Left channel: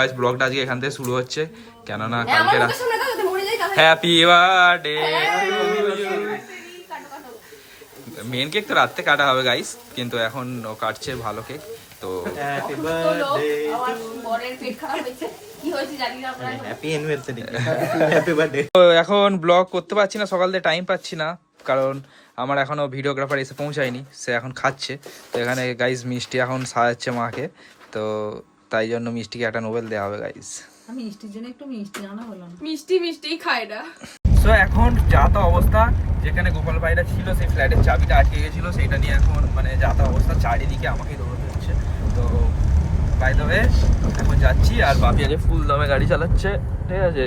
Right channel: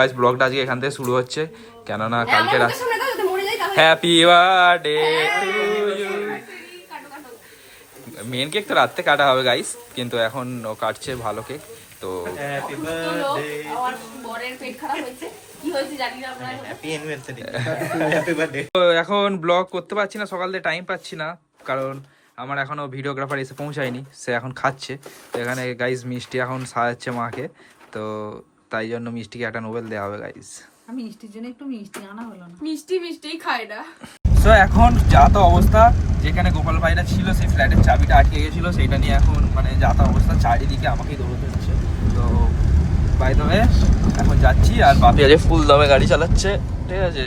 Guys ব্লগটা আজকে এখান থেকে শুরু হচ্ছে, কেননা কালকে happy birthday to you. Main cake তো রাত্রে কাটা হবে গাইস, কিন্তু এখন ও কাটছে ভালো কেক। তো এখন ব্লগ করতে পারছি না, সকাল থেকে টাইম পাচ্ছি না, কারণ আমার এখনো ভিডিওগ্রাফার এসে পৌঁছায়নি, সে এখন খাচ্ছে। তো এখানে গাইস মিষ্টি এখন সাজাচ্ছে মাকে, তো তাই জন্য মিষ্টিকে একটা নোবেল দেওয়া হবে গাইস। মিষ্টির জন্য একটু মিষ্টি আনা হলো না, মিষ্টি খায় না। তো এখন যা তো অবস্থা, যেখানে গোপাল ভাইরা ছিল সেই ফ্ল্যাটের চাবিটা আটকে গেছিল, সেইটা নিয়ে এখন মানে যা তো অবস্থা, চারিদিকে আমাকেই দৌড়তে হচ্ছে। তো বাই দ্য ওয়ে এখন যাচ্ছি, আর বাপি আজকে ফুল দমে গাড়ি চালাচ্ছে, ঠিক আছে,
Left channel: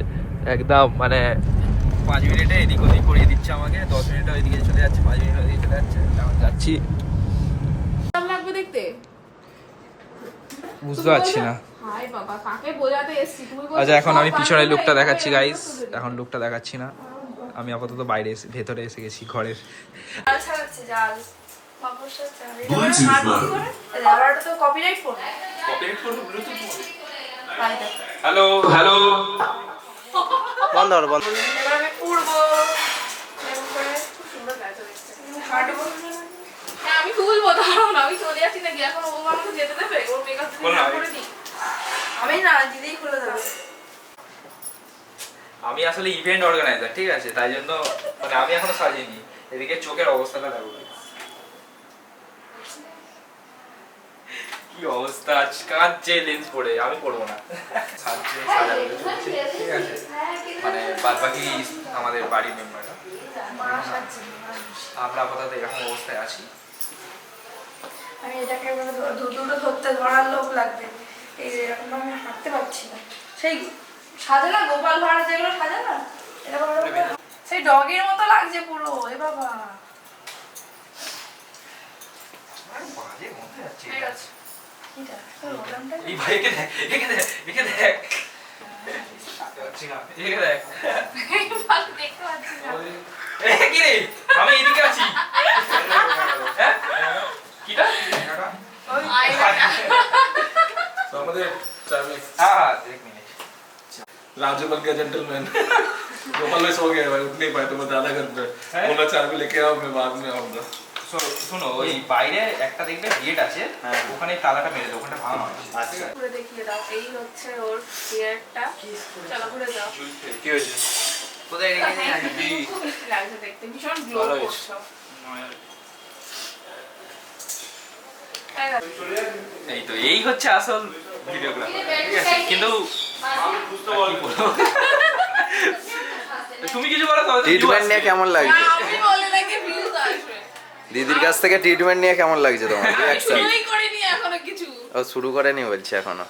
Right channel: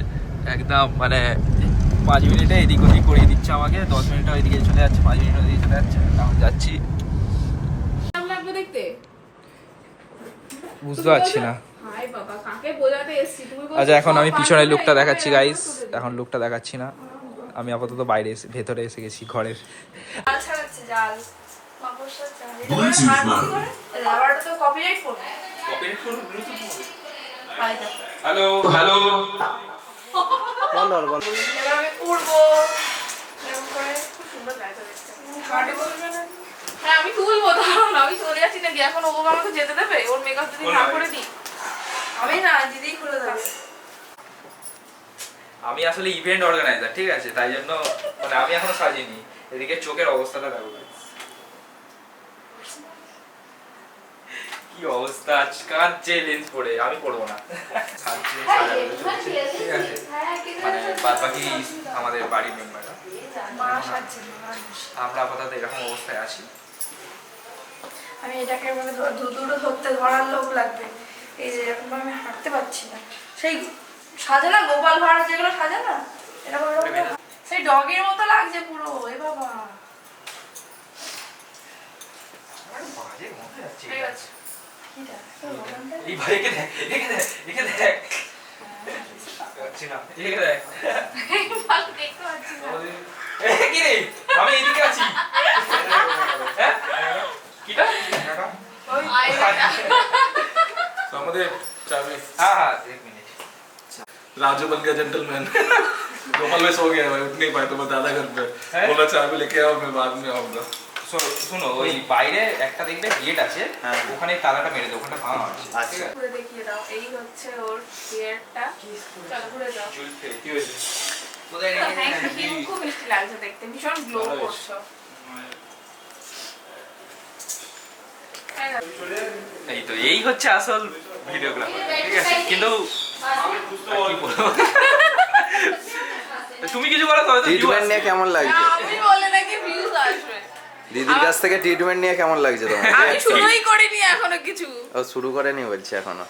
একদম মানে 5 মিনিটে এদিক ওদিক করিয়ে দিচ্ছে আমাকে, 10 মিনিটে ওইদিকে চলে যাচ্ছে, 5 মিনিট ওইদিকে চলে যাচ্ছে, এখন যাচ্ছি। দেখতে বুঝতে পারছি না। হাই বাবা, কাকে বোঝাতে এসেছি তুমি? আচ্ছা এখন আমি পিছনের লুকটা দেখাচ্ছি গাইস, এখন লুকটা দেখাচ্ছি না, আমি আপাতত বাইরে ভেতরে এসে গেছি ঘরে। জাল ছাড়াচ্ছে, জাল মাকড়সার জাল। এবার তো কপিরাইট করবে। হ্যালো হ্যালো, বন্ধ করো বন্ধ। এবার আমি করবো এরকম করে, খুব সুন্দর গাইতে দেখতে কাটবো। হ্যাঁ আমি তুলবো, দাঁড়াও না, আমি চলে যাচ্ছি নাকি এখন? ও আমাকে যেতে দেবে? ওর মেকআপ যদি না করে দিই আমি, না দিদিই খুলে দেবে। আমি আসলে ইভেন্ট অর্গানাইজার, ঠিক আছে, তাই জন্য মানে আমি এখনো সাজিনি। এদিকে চোখের অবস্থাটা দেখো, কি অবস্থা, কাঁদছে লেন্স পরে, আমি পড়বো না। সাজছে, সাজাগুলো চলছে, ঠিক আছে, মানে বাদ বাকি আমাদের বাড়ির মেম্বাররা, আমরা আপাতত এরকম অবস্থায় আছি। আমি এটাকে মানে দুটো ধরতে ধরার লোক লাগবে। এই যে এরকম আমি হাঁটতে পারছি না, সেই সাজে না গোপাল ভাড়া যেগুলো সাজে না, এরকম সেই ডগের মতো লাগছে পুরো। এ বাবা ঠিক আছে, এই ভাইকে দেখ, একে দেখ, একে দেখ, দেখতে পাচ্ছি না। কি রে, আমি এইদিকে আছি। হ্যাঁ কিটা तो हमारे चाबी हाँ एक मिनट। राजू बन गया जेंटलमैन। गोपाल भाई सो गया भाई, उठ नहीं पाए तो मैं दादा घर पे बोला चाबी लेके आओ, मैं बाद में आऊंगा। শোনো, ওই বাইরে একটা দেখবে গেট আছে, ওখানে তালাটা মেরে দাও, ওখানে ভাঙা আছে। আচ্ছা ঘুরে দেখিয়ে দাও, এই হচ্ছে ওর গেটটা। চলো ঘুরে যাও। কি হয়েছে? খুব মিষ্টি লাগছে দেখতে, ভীষণ গ্লো করছো। এই তো এই হচ্ছে আসল ভিডিওগ্রাফার, ঠিক আছে, কিন্তু আর কি বলবো, তুমি কিছু বলো তো। ট্রিটমেন্ট নিয়ে কেমন লাগছে? আমি বলে নাকি ভিউজ আসবে। দিদির কাছ থেকে ট্রিটমেন্ট নিয়ে কেমন লাগছে তোমার? আমি শুরুই করিনি এখনো কিছু। ও শুরু করেনি বলছে এখনো।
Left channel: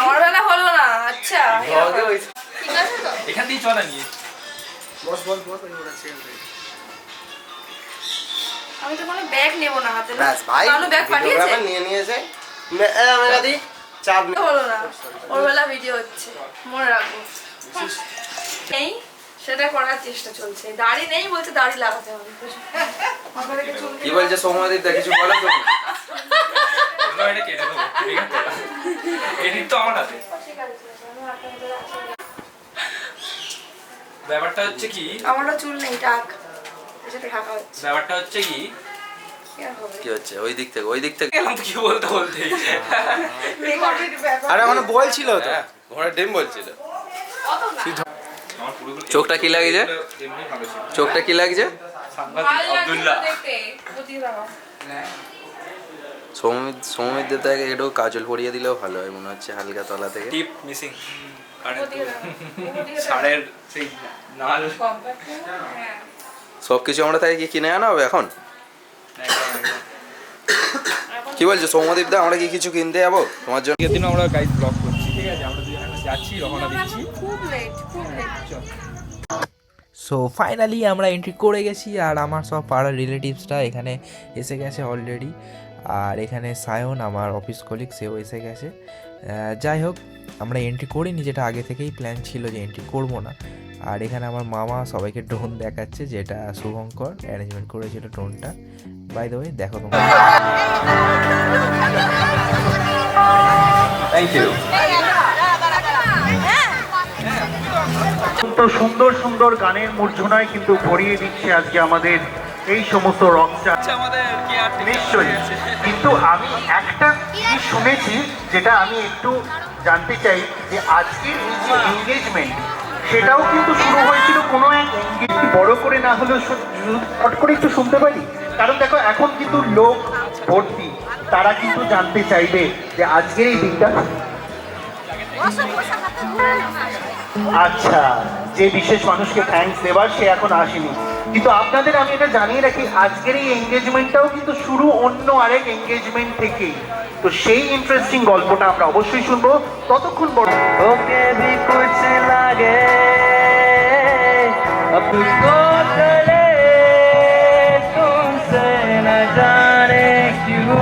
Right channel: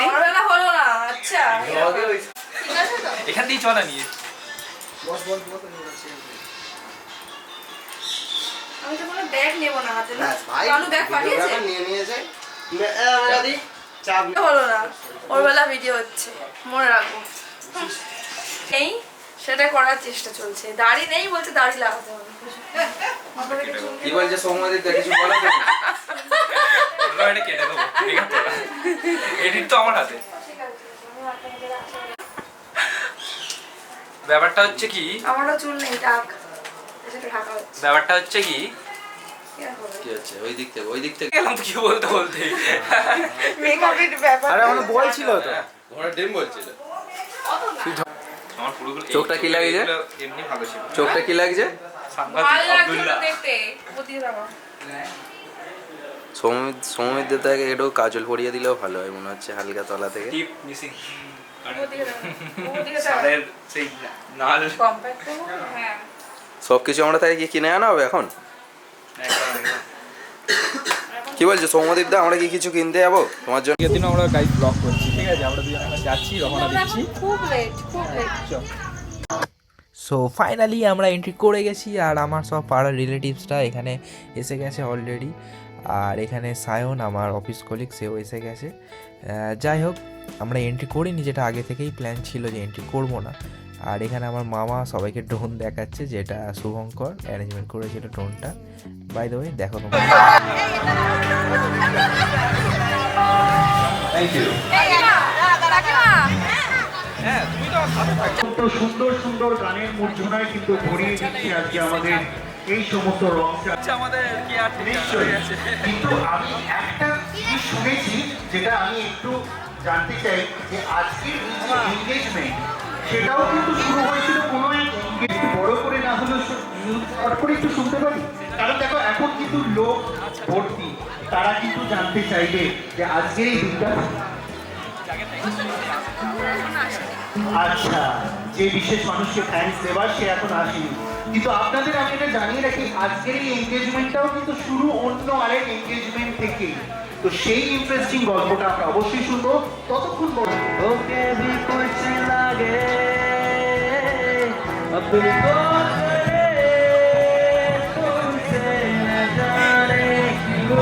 আমার বেলা হলো না। আচ্ছা ঠিক আছে তো, এখান দিয়ে চলা নিয়ে আমি তো কোনো ব্যাগ নেব না হাতে। ব্যাস ভাই, কালু ব্যাগ পাঠিয়েছে, নিয়ে নিয়েছে। দাদি চাপ হলো না। ওর বেলা ভিডিও হচ্ছে, মনে রাখবো। এই সেটা করার চেষ্টা চলছে। দাড়ি নেই বলছে, দাড়ি লাগাতে হবে। কি বলছে সৌম্যদীপ, কিছু বলো তো? এটা কেটে দেবো, এডিট তো আমার হাতে। ব্যাপারটা হচ্ছে কি, আমারও চুল নেই, টাক সেটা ঢাকা হচ্ছে। ব্যাপারটা হচ্ছে কি, কি হচ্ছে? ওই দিক থেকে গেলাম তো কি বলতে বলতে। মেকআপের ব্যাপার। আরে মানে বলছিল তো, ঘোড়ার ডিম বলছিল। আমার পুরোগুলো চোখটা কি লাগছে? এমনি ভালো ছিল। চোখটা কি লাগছে? সাংঘাতিক ভালো লাগছে আব্দুল্লাহ। তো দেখতে, বুঝিয়ে দাও। সৌমিত দেবতাকে একটু কাজল পরিয়ে দিলেও ভালো হয় মনে হচ্ছে, হালকা তলা থেকে। টিপ মিসিং। বুঝিয়ে দাও, বুঝিয়ে দাও। সারের সেই নাল কম্প্যাক্ট হ্যাঁ। সবকিছু আমরা তাই কি কিনে আনা হবে এখন? একদম একদম। কি বলছো সৌম্যদীপ দা, আমরা কি কিছু কিনতে যাবো তোমার জন্য? আগের দিন আমরা গাইড ব্লগ করছি, ঠিক আছে, আমরা দুজন এখন যাচ্ছি, রওনা দিচ্ছি। খুব লেট, খুব লেট। সো ফাইনালি আমরা এন্ট্রি করে গেছি, আর আমার সব পাড়ার রিলেটিভসরা এখানে এসে গেছে অলরেডি, আর এখানে সায়ন আমার অফিস কলিগ, সেও এসে গেছে। যাই হোক, আমরা এন্ট্রি করিনি, যেটা আগে থেকেই প্ল্যান ছিল যে এন্ট্রি করব না, আর এখানে আমার মামা সবাইকে ড্রোন দেখাচ্ছে, যেটা শুভঙ্কর অ্যারেঞ্জমেন্ট করেছিল ড্রোনটা। বাই দ্য ওয়ে দেখো তোমরা। Thank you. অত্যন্ত সুন্দর সুন্দর গানের মূর্ধনায় কিন্তু ভরিয়ে দিচ্ছে আজকে আমাদের এই সমস্ত রকস্টার। আমাদের কি আর নিশ্চয়ই, কিন্তু আমি একটা জিনিস শুনেছি যেটা আমি একটু জানতে চাই, যে আজকের এই যে এনগেজমেন্ট সেটাও কিন্তু শুরু হয়েছিল কোনো এক একটু বড় করে না হলেও শর্ট করে একটু শুনতে পারি? কারণ দেখো এখন কিন্তু লোক ভর্তি, তারা কিন্তু জানতে চাইবে যে আজকের এই দিনটা। আচ্ছা, যে বিশেষ মানুষকে থ্যাঙ্কস দেবার সে এখন আসেনি, কিন্তু আপনাদের আমি এটা জানিয়ে রাখি আজকের এই এনগেজমেন্টটাও কিন্তু শুরু অন্য আরেক এনগেজমেন্ট থেকে। তো সেই ইন্টারেস্টিং গল্পটা আমরা অবশ্যই শুনবো। ততক্ষণ বড় ওকে भी कुछ लगे अब तुमको चले तुमसे न जाने क्यों।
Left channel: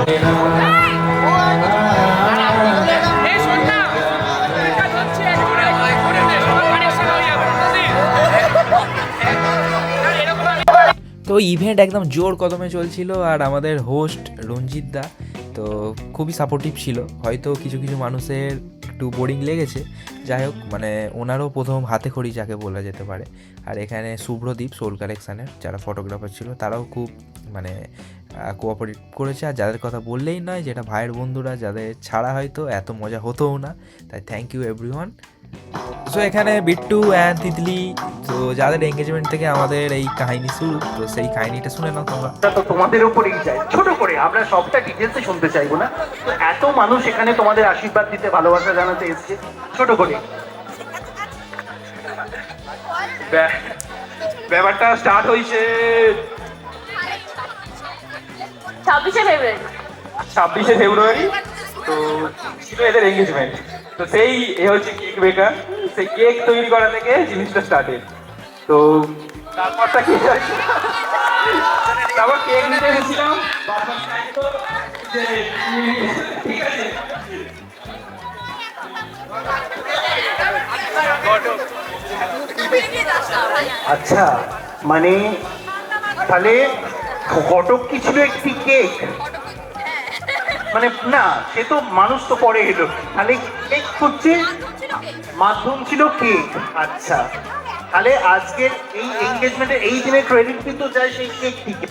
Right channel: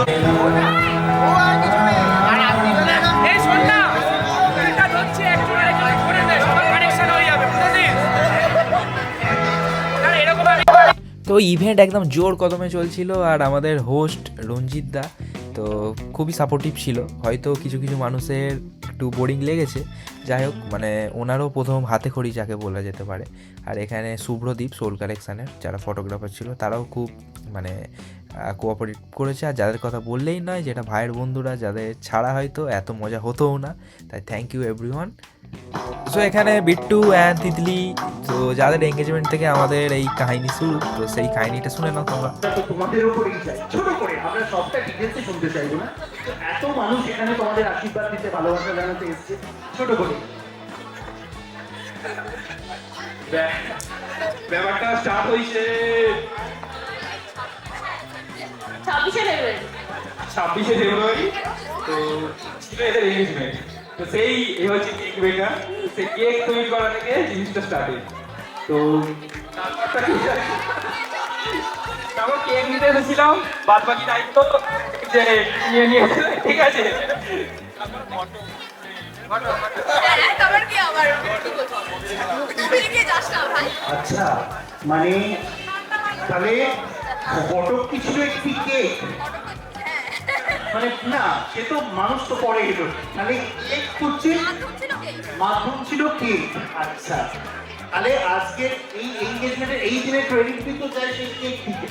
এই শোন না, এটা হচ্ছে একজন আরেকজনের করে নে, সবার কানেকশন হয়ে যাবে, বুঝছিস? আর এরকম আমি তো ইভেন্ট একদম জোর কদমে চলছিল, আর আমাদের হোস্ট রঞ্জিত দা তো খুবই সাপোর্টিভ ছিল। হয়তো কিছু কিছু মানুষের একটু বোরিং লেগেছে, যাই হোক মানে ওনারও প্রথম হাতে খড়ি যাকে বলা যেতে পারে। আর এখানে শুভ্রদীপ সোল কালেকশানের যারা ফটোগ্রাফার ছিল তারাও খুব মানে কোঅপারেট করেছে। আর যাদের কথা বললেই নয়, যেটা ভাইয়ের বন্ধুরা, যাদের ছাড়া হয়তো এত মজা হতোও না। তাই থ্যাংক ইউ এভরিওয়ান। সো এখানে বিট্টু অ্যান্ড তিতলি, তো যাদের এঙ্গেজমেন্ট থেকে আমাদের এই কাহিনী শুরু, তো সেই কাহিনীটা শুনে নাও তোমরা। তো তোমাদের উপরেই যায়, ছোট করে, আমরা সবটা ডিটেলসে শুনতে চাইবো না। তো এত মানুষ এখানে তোমাদের আশীর্বাদ দিতে, ভালোবাসা জানাতে এসেছে, ছোট করে ব্যাপারটা স্টার্ট হয়েছে 26শে ফেব্রুয়ারি। তো ছিল এদের এঙ্গেজমেন্ট। তো সেই হচ্ছে কেক বেকার, সেই কেক তৈরি করা থেকে জিনিসটা স্টার্টেড। তো তারপরটা কি, তারপর কেক নিতে এসেছিলাম, বাদ বাকি দায়িত্ব যে নিয়ে নিয়েছে, ঠিক আছে। আচ্ছা, মানে তাহলে ঘটক কি ছিল একটি কেক? মানে না, সে তো মানুষ তো পরে এলো, তাহলে কেক হচ্ছে মাধ্যম ছিল কেক। আচ্ছা, তাহলে আজকের এই এনগেজমেন্টের এই দিনের ক্রেডিট কিন্তু যায় সেই কেক থেকে।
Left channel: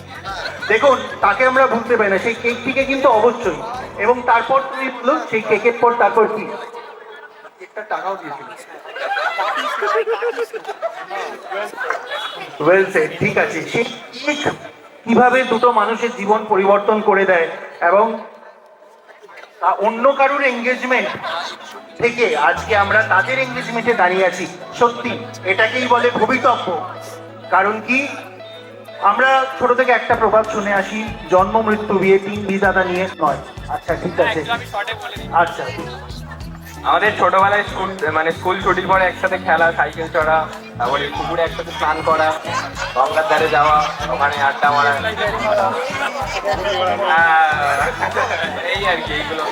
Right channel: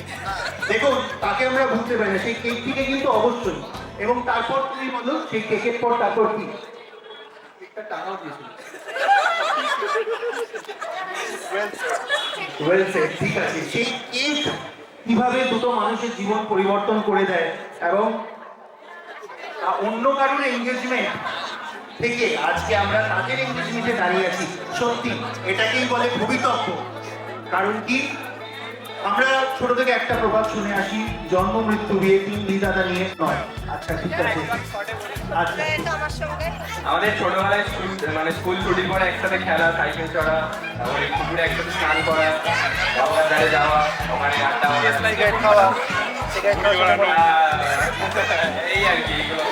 দেখুন, তাকে আমরা ভুলতে পারি না, সেই কেক থেকে কিন্তু অবশ্যই। এবং তারপর তুমি বলো সেই কেকের পর তারপর কি? কেকটা টাকাও দিয়েছিল। ওয়েল সেড, ঠিক আছে। সেই কেক কিভাবে দুটো মানুষের জীবন পরিবর্তন করে দেয়, এবং অন্য কারোর এঙ্গেজমেন্ট থেকে আজকে আমরা তাদের এঙ্গেজমেন্টে দাঁড়িয়ে আছি, সত্যি এটাকেই বলে ভবিতব্য। কারণ কি, আমরা ছোট থেকে একটা প্রভাব শুনে আসি, জন্ম মৃত্যু বিয়ে তিন বিধাতা নিয়ে নয়। আচ্ছা ঠিক আছে, আচ্ছা। আমাদের ছোটবেলায় স্কুল ছুটির পরে একসাথে খেলা, সাইকেল চড়া, তারপরে পুকুরে একসাথে স্নান করা, গঙ্গার ধারে যাওয়া, ওখানে আড্ডা মারা, এই আর কি। এইগুলো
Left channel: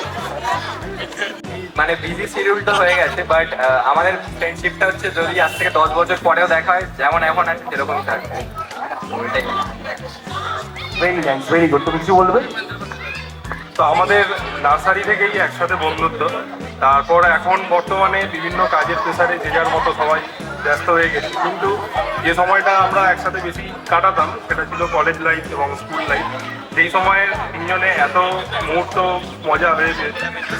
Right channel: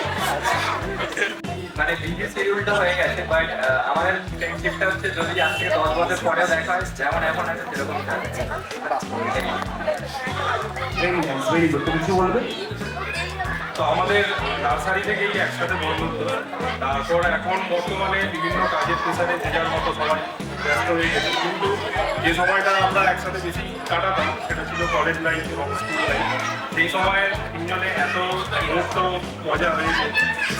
মানে বিজি শিডিউল তো হয়ে গেছে, বাট আমাদের ফ্রেন্ডশিপটা হচ্ছে যদি আজ থেকে 10 বছর পরেও দেখা হয়, যেমন এখন আছে সেরকমই থাকবে। Very nice, very good. তুমি কিছু বলবে? তো আমাদের নার্সারি থেকেই একসাথে বন্ধুত্ব। তারপর এখন বর্তমানে বিভিন্ন কাজের প্রেসারে যে যার মতো সবাই ব্যস্ত হয়ে গেছে, কিন্তু যে সময়টা আমরা একসাথে বেশি কাটাতাম সেটা ছিল কলেজ লাইফ এবং স্কুল লাইফ। যেই সময়ে তিনজনে এত মুহূর্ত মজা হয়েছে,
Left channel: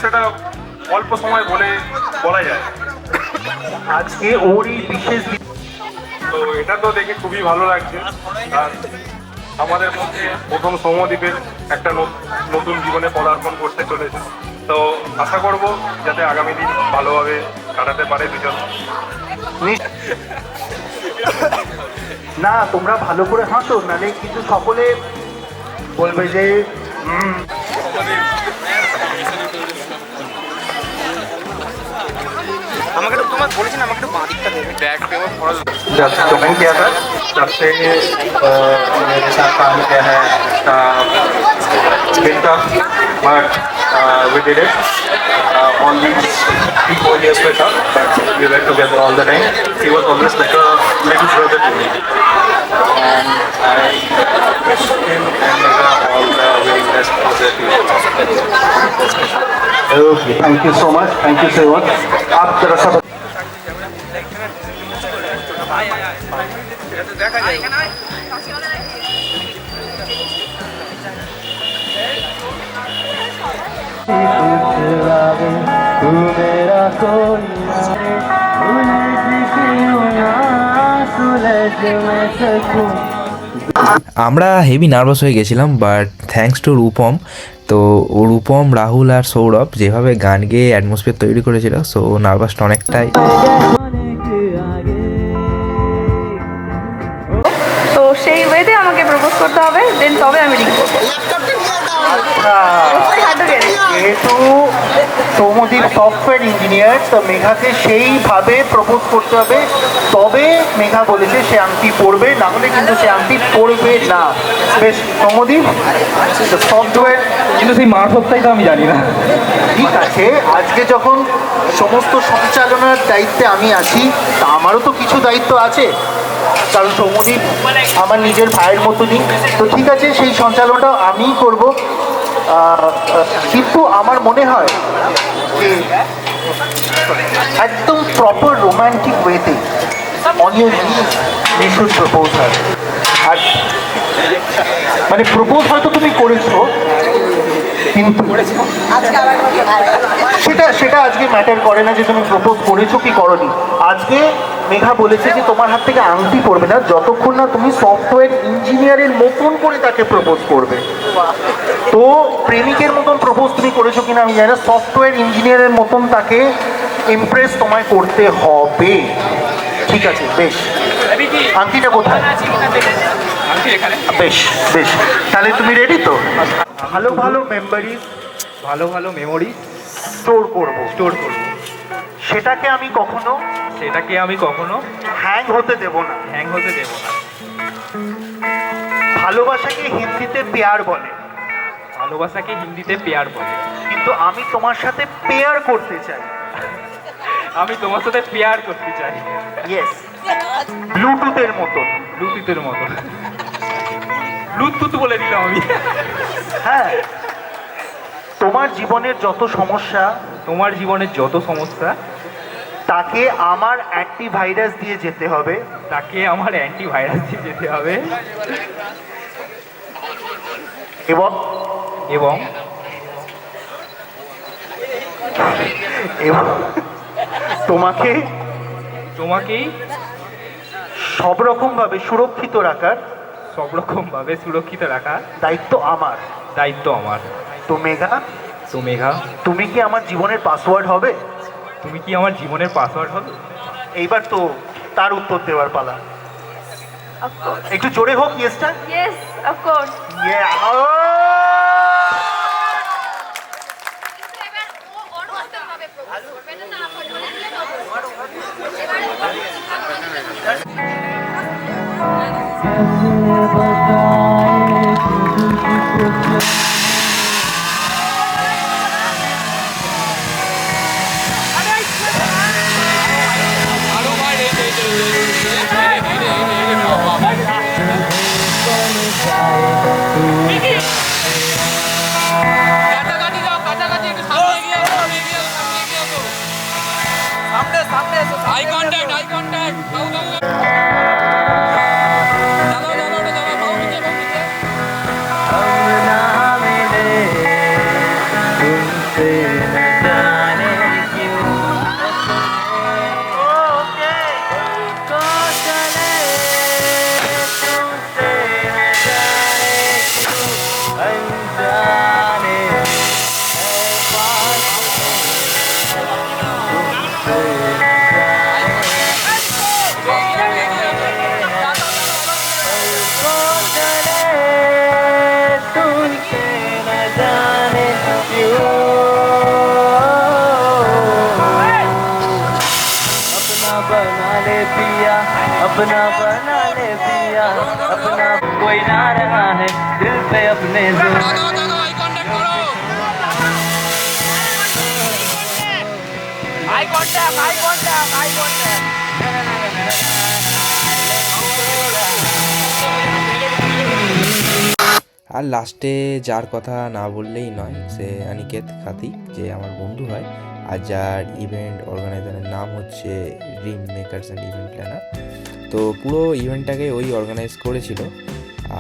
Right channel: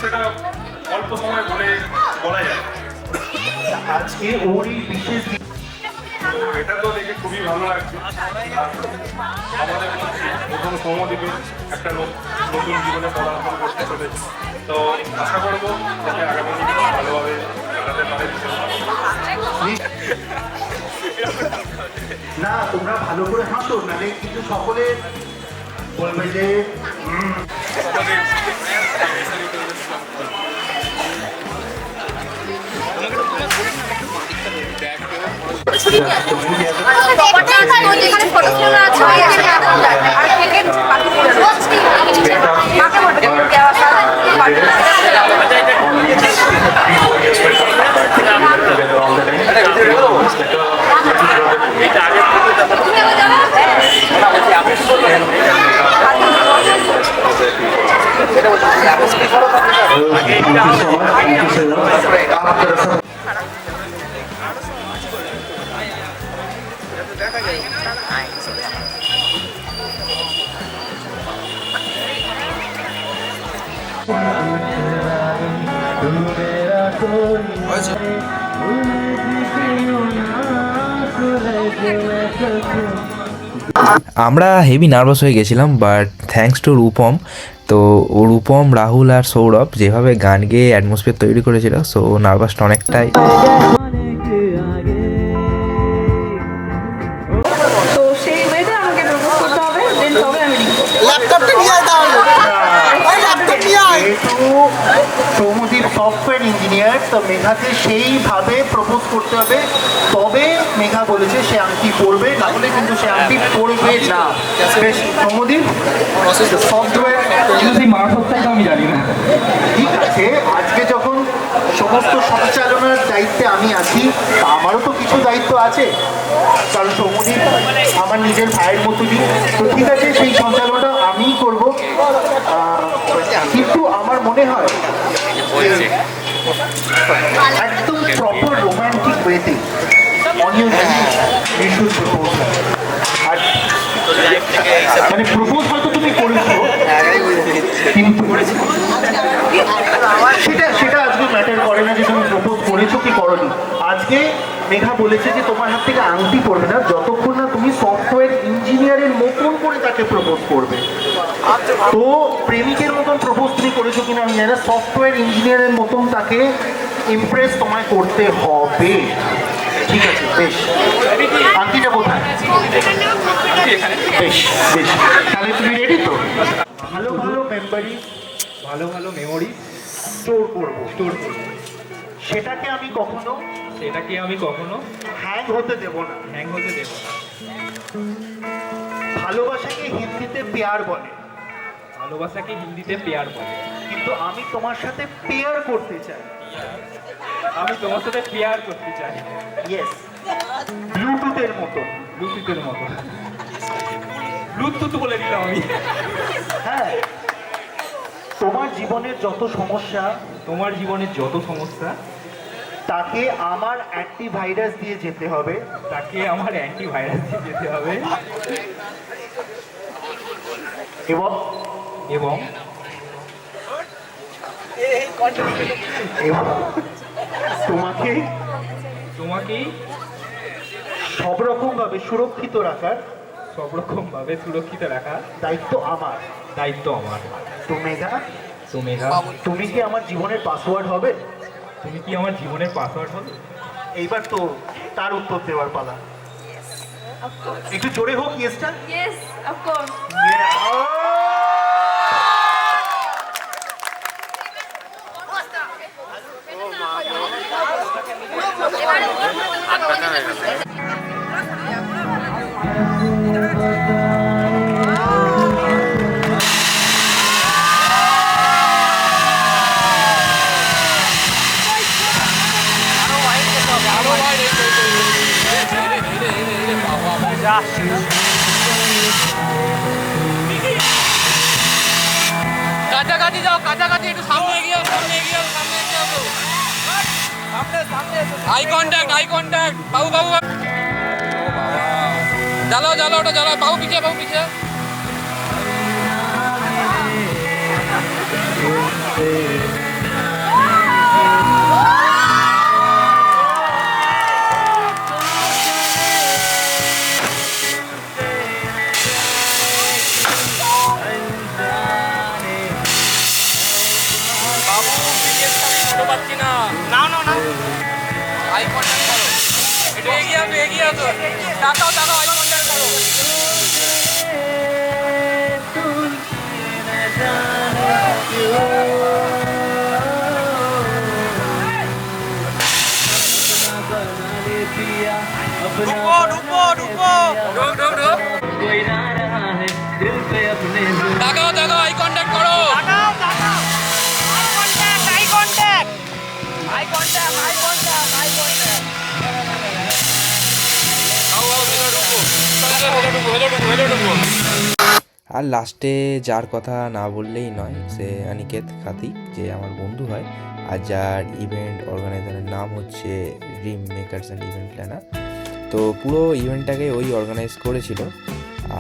সেটা অল্প সময় বলা যায়। আজকে ওর এই বিশেষ, তো এটা তো দেখে খুবই ভালো লাগছে। আর আমাদের মধ্যে প্রথম সৌম্যদ্বীপের একটা নতুন জীবনে পদার্পণ করতে চলেছে। তো আশা করবো যাতে আগামী দিন ভালোভাবে কাটাতে পারে দুজন। না তোমরা ভালো করে হাসো, নালে কিন্তু সকলে বলবে যে तुम्हें क्या था जब से मेरे साथ काम किया है bit tough but we did it on the 3-4 years with her, but we were together all the time. He was always like a little brother to me. And I wish him and Megha all the very best for their future. Okay, thank you so much. Thank you so much. आप जरा सा আমরা heavy nervous হয়ে গেছিলাম, but thanks to Rupam. তো ও রূপম, রাহুল আর সৌরভ যেভাবে গান গেয়ে অ্যাটমসফিয়ার তৈরি করেছিল, সো নার্ভাসটা অনেকটাই। তো সেই ওয়েতে আমাকে প্রপোজ করতে হবে, দেন তবে আমি রিং করবো। যেহেতু সৌমদীপ সফটওয়্যার ইঞ্জিনিয়ার, তো মেঘাকে সেইভাবে প্রপোজ করতে হবে, তবে মেঘা বলেছে সে আংটি পরবে, না হলে কিন্তু সে আংটি পরবে না। বেশ সৌমদীপ, সফটওয়্যার কিন্তু সেই মারফতটাই তো আমি জানি না। ঠিক আছে, আজকে যখন সমস্ত সঞ্চালনার দায়িত্বে আমি আছি, তা আমারও তো কিছু দায়িত্ব আছে, কারণ সৌমদীপ আমার নিজের ভাইয়ের মতনই। তো ঠিক আছে, সেই সঞ্চালনটা আমিই করব। কিন্তু আমার মনে হয় যে একদম প্রপার রোম্যান্টিক ওয়েতে on your you should propose her. আর মানে প্রপোজ হয়তো তুমি করেছো, কিন্তু সেটা আজকে ম্যাটার করে না যে তুমি প্রপোজ করেছো কি করনি। আজকে মেঘা বলেছে যে তোমার হাত থেকে আংটি পড়বে না যতক্ষণ না তুমি সফটওয়্যার ইঞ্জিনিয়ারের মতন করে তাকে প্রপোজ করবে। তো প্রেমিকের মতন প্রপোজ তুমি করেছো কিনা আমি জানি না, সফটওয়্যার ইঞ্জিনিয়ারের মতন তাকে ইমপ্রেস তোমায় করতে হবে। ঠিক আছে, বেশ। আংটিটা কোথায়? বেশ বেশ, তাহলে তুমি রেডি তো? ভালো ভালো মেমোরি, ভালো ভালো মেমোরি স্টোর করব, সেটাকে আমি কখনো হ্যাং হতে দেব না। ভালোবাসাকে হিন্দিতে পেয়ার বলে, কিন্তু আমি তোমার সাথে পেয়ার করতে চাই। ইয়েস, ব্লুটুথের মতো। ব্লুটুথ বলে দিলাম আমি। হ্যাঁ, তোমার জীবনের যত সমস্যা তাকে আমার অ্যান্টিভাইরাস দিয়ে যেতে হবে। এবং এবং তোমাকেই সব রকম ভাবে সুরক্ষিত রাখার দায়িত্ব আমার। তো মেঘা, তুমি কি আমার জীবনের পাসওয়ার্ড হবে? এইবার তো তার উত্তর দেওয়ার পালা। একটু জোরে হোক ইয়েসটা। Yes, of course. কাছাকাছি যাও, একটু সামনে এগিয়ে যাও, সামনে আই কন্ট্যাক্ট বাবু জ্বালাও ওটা জ্বালাও, বাবু পিছিয়ে আর লাস্টে যার কথা না বললেই নয়, সে অনিকেত খাতিক, যে আমার বন্ধু হয়, আর যার ইভেন্ট অর্গানাইজারের নাম হচ্ছে dream makers and event planner. তো পুরো ইভেন্টটাকে ওই অর্গানাইজ করেছিল।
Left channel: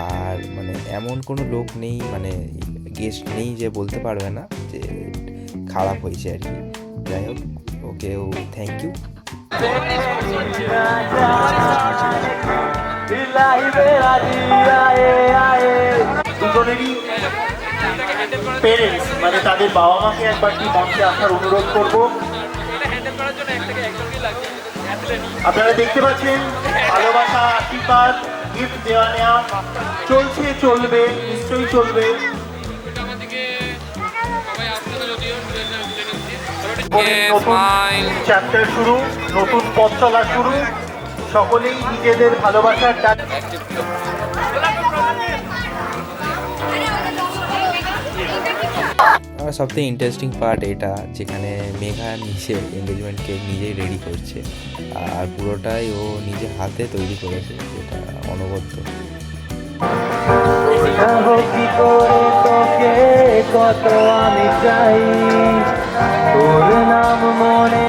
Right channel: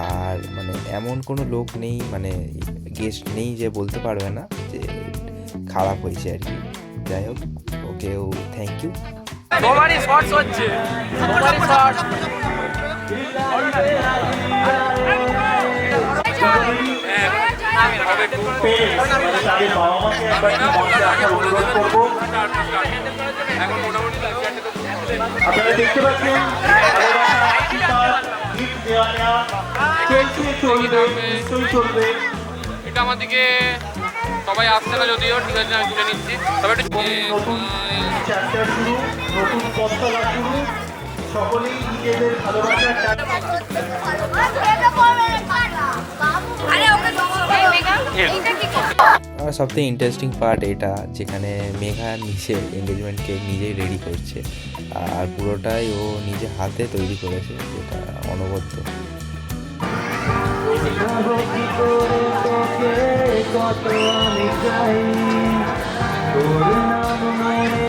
আর মানে এমন কোনো লোক নেই, মানে গেস্ট নেই যে বলতে পারবে না যে খারাপ হয়েছে আর কি। যাই হোক, ওকেও থ্যাংক ইউ। পেরেন্টস মানে তাদের বাবা মাকে একবার কি মঞ্চে আসার অনুরোধ করবো। আপনারা দেখতে পাচ্ছেন ভালোবাসা, আশীর্বাদ, গিফট দেওয়া নেওয়া চলছে, চলবে, নিশ্চয়ই চলবে। নতুন চ্যাপ্টার শুরু, নতুন পথ চলা শুরু, সকলেই নিজেদের ভালোবাসার ডাক। আর সবথেকে ইন্টারেস্টিং পার্ট এটা, যেখানে মেঘা নিজে এঙ্গেজমেন্ট কেক নিজেই রেডি করছে, আর পুরোটাই ও নিজে হাতে তৈরি করেছে, যেটা অনবদ্য। কত আমি চাই তোর নাম মনে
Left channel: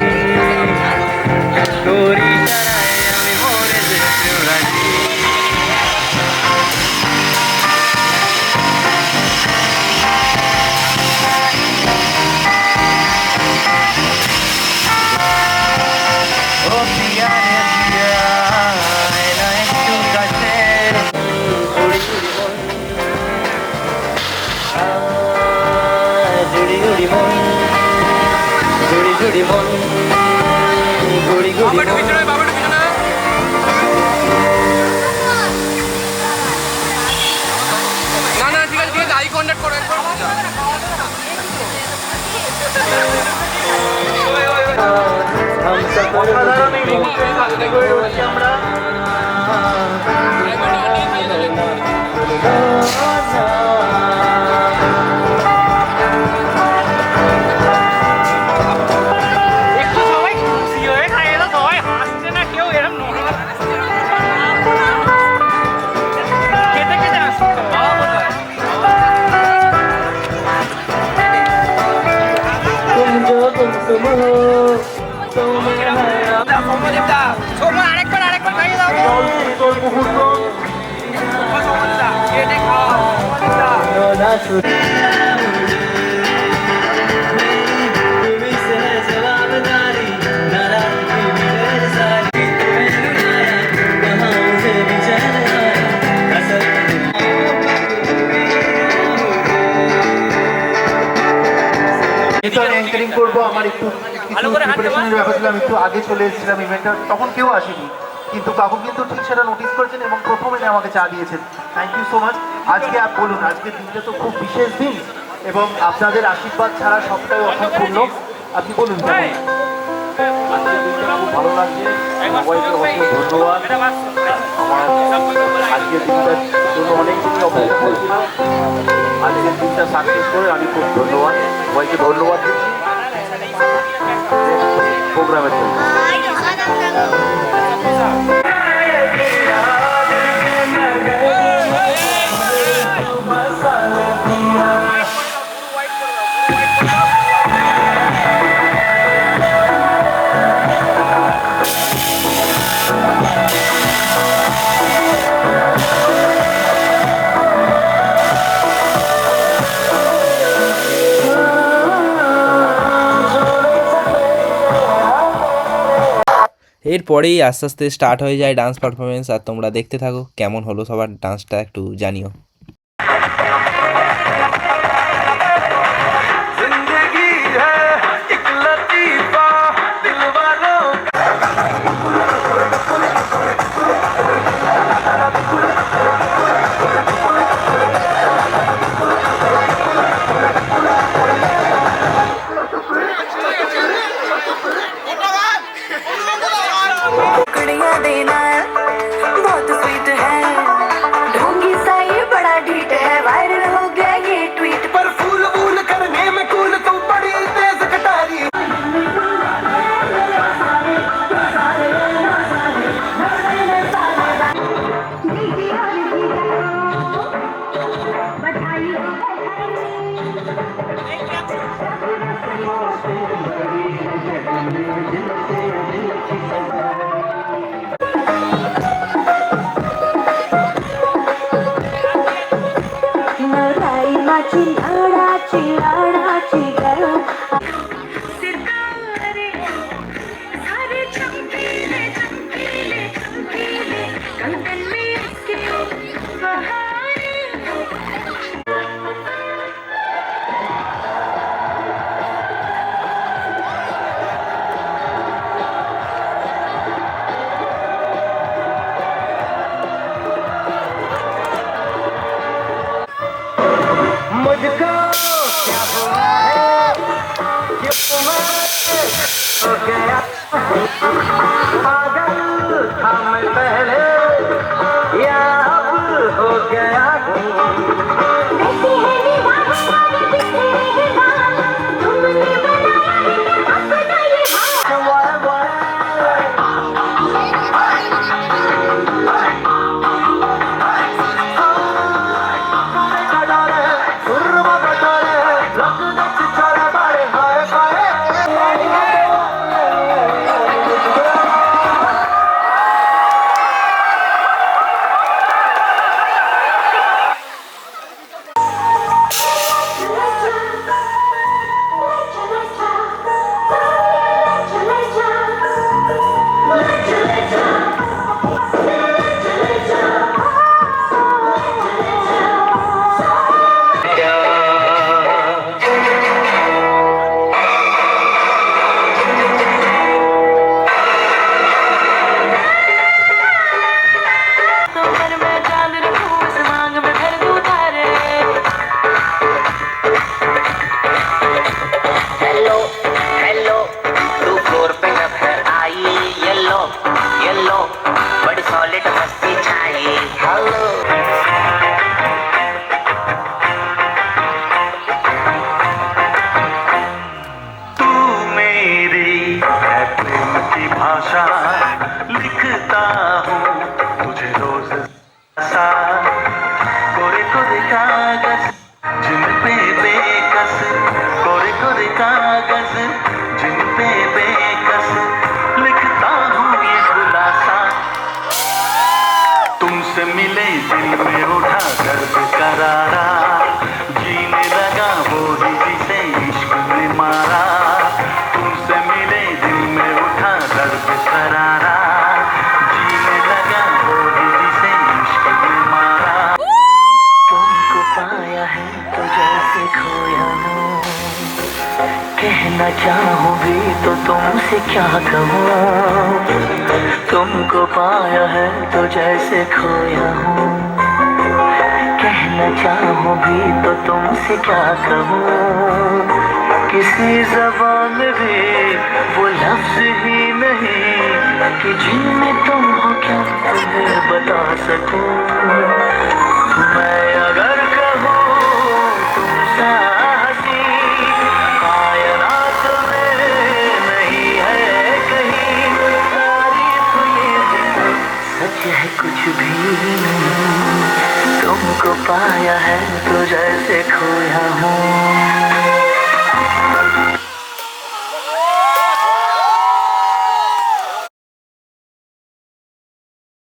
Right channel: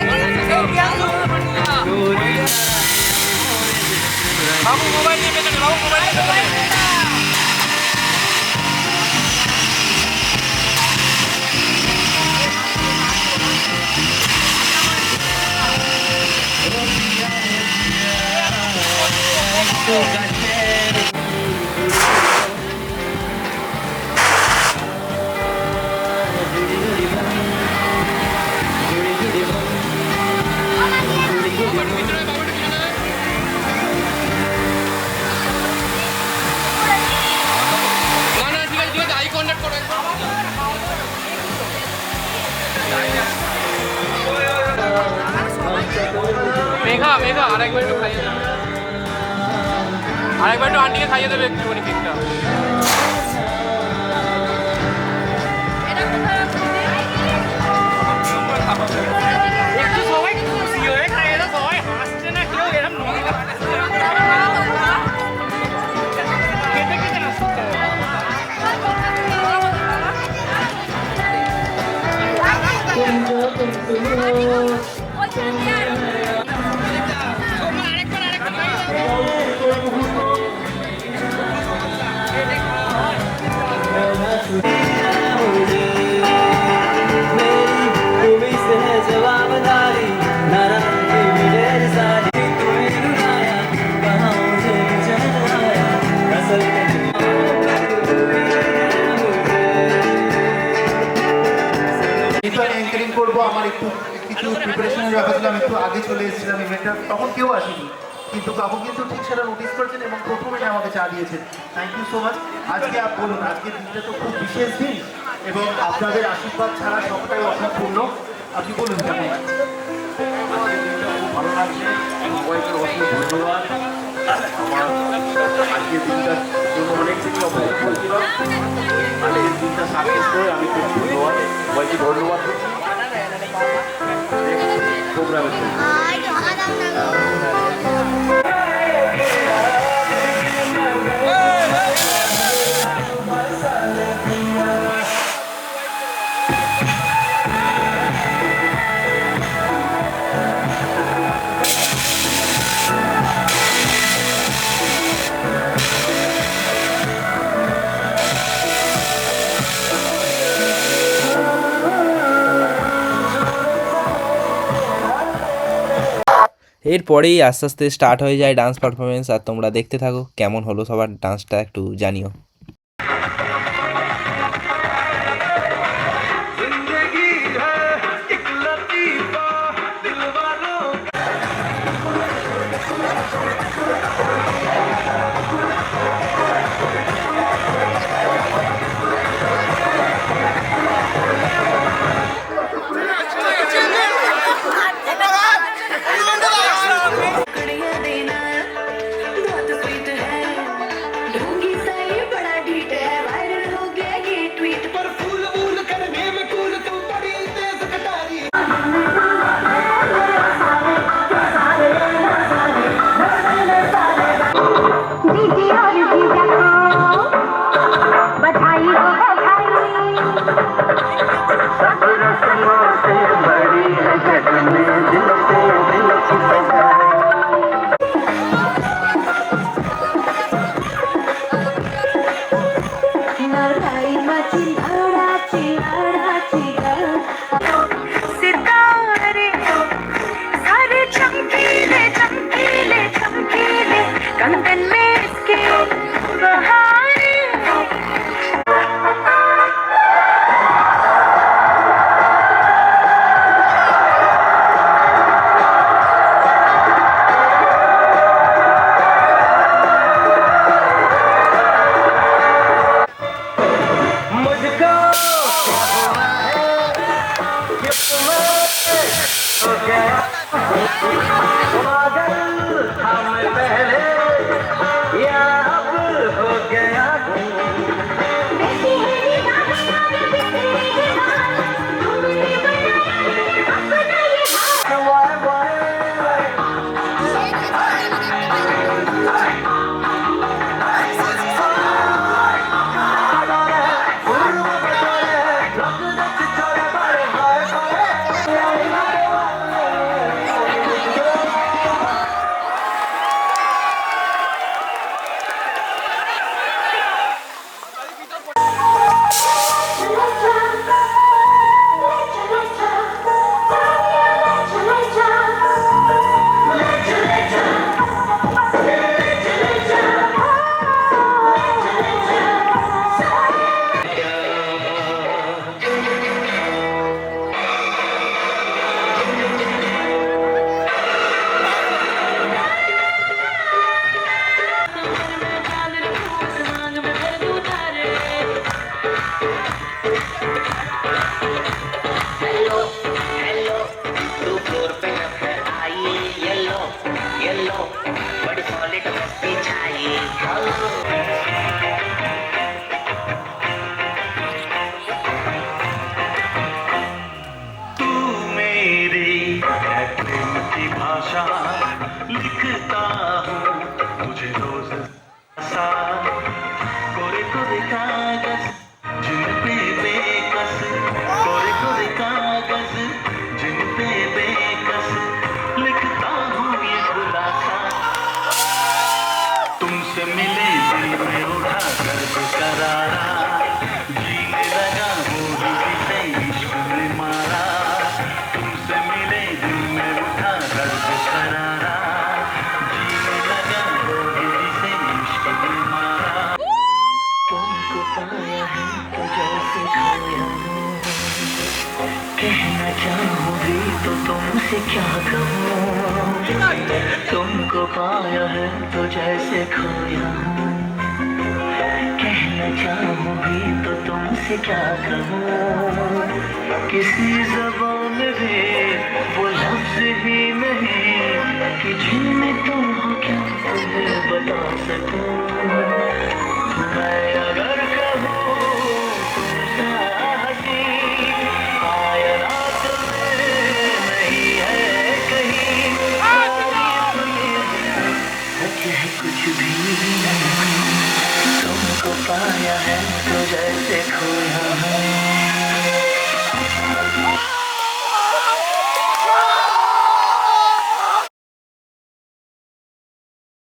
অ্যাঙ্কারিং করবো। আমার একটু কিছু প্রিপারেশনের ব্যাপার ছিল, আমি একটু আগে চলে এসেছিলাম ইভেন্টটা, তখন কেউ আসেনি, কিন্তু কাকু কিন্তু ঠিক সেটা নোটিস করেছেন এবং প্রথমে আমাকে চা দিয়েছেন। Thank you so much. আজকে বলুন, আজকের দিনটা তো খুব বিশেষ দিন এবং আপনাদের আশীর্বাদ ছাড়া সবটাই অসম্পূর্ণ। আপনি বলুন কেমন? আজকের দিনটা খুব ভালো লাগছে, সবাইকে অনেক ধন্যবাদ। আমার আজকের দিনটার জন্য অনেক কিছু অপেক্ষা করছিলাম, আজকের দিনটা সাকসেস করে আমি খুব ধন্যবাদ, সবাইকে ধন্যবাদ দিচ্ছি প্রোগ্রামের জন্য। এরপরেই আস্তে আস্তে স্টার্ট হয়ে যায় ডান্স পারফরমেন্স। আর তোমরা দেখতে থাকো কেমন হলো সবার ডান্সটা, একটু জানিও। बहुत स्वीट है ढोंगी सा ये बड़ा पागल था मैं पहले, या अब हो गया भाषा लिखता हूँ तुझे रोज सा, कोरे कोरे कागज जिन पे बेकस, कोरे कोरे कागज जिन पे बेकस लिखता हूँ ये खुलासा। तुमसे मिले दिल में उठा दर्द करारा, जीने लगा बोली जिसे इश्क ने मारा। तुमसे मिले दिल में उठा दर्द करारा, जीने लगा बोली जिसे इश्क ने मारा। तुमको पाया है तो जैसे खोया हूँ, कहना चाहूँगी तो तुमसे क्या कहूँ। तुमको पाया है तो जैसे खोया हूँ, कहना चाहूँगी तो तुमसे क्या कहूँ। किसी ज़बान में भी वो लफ्ज़ ही नहीं कि जिनमें तुम हो क्या तुम्हें बता सकूँ। मैं अगर कहूँ तुम सा हंसी कायनात में नहीं है कहीं, तारीफ ये सच है कुछ भी नहीं। तुमको पाया है तो जैसे खोया हूँ,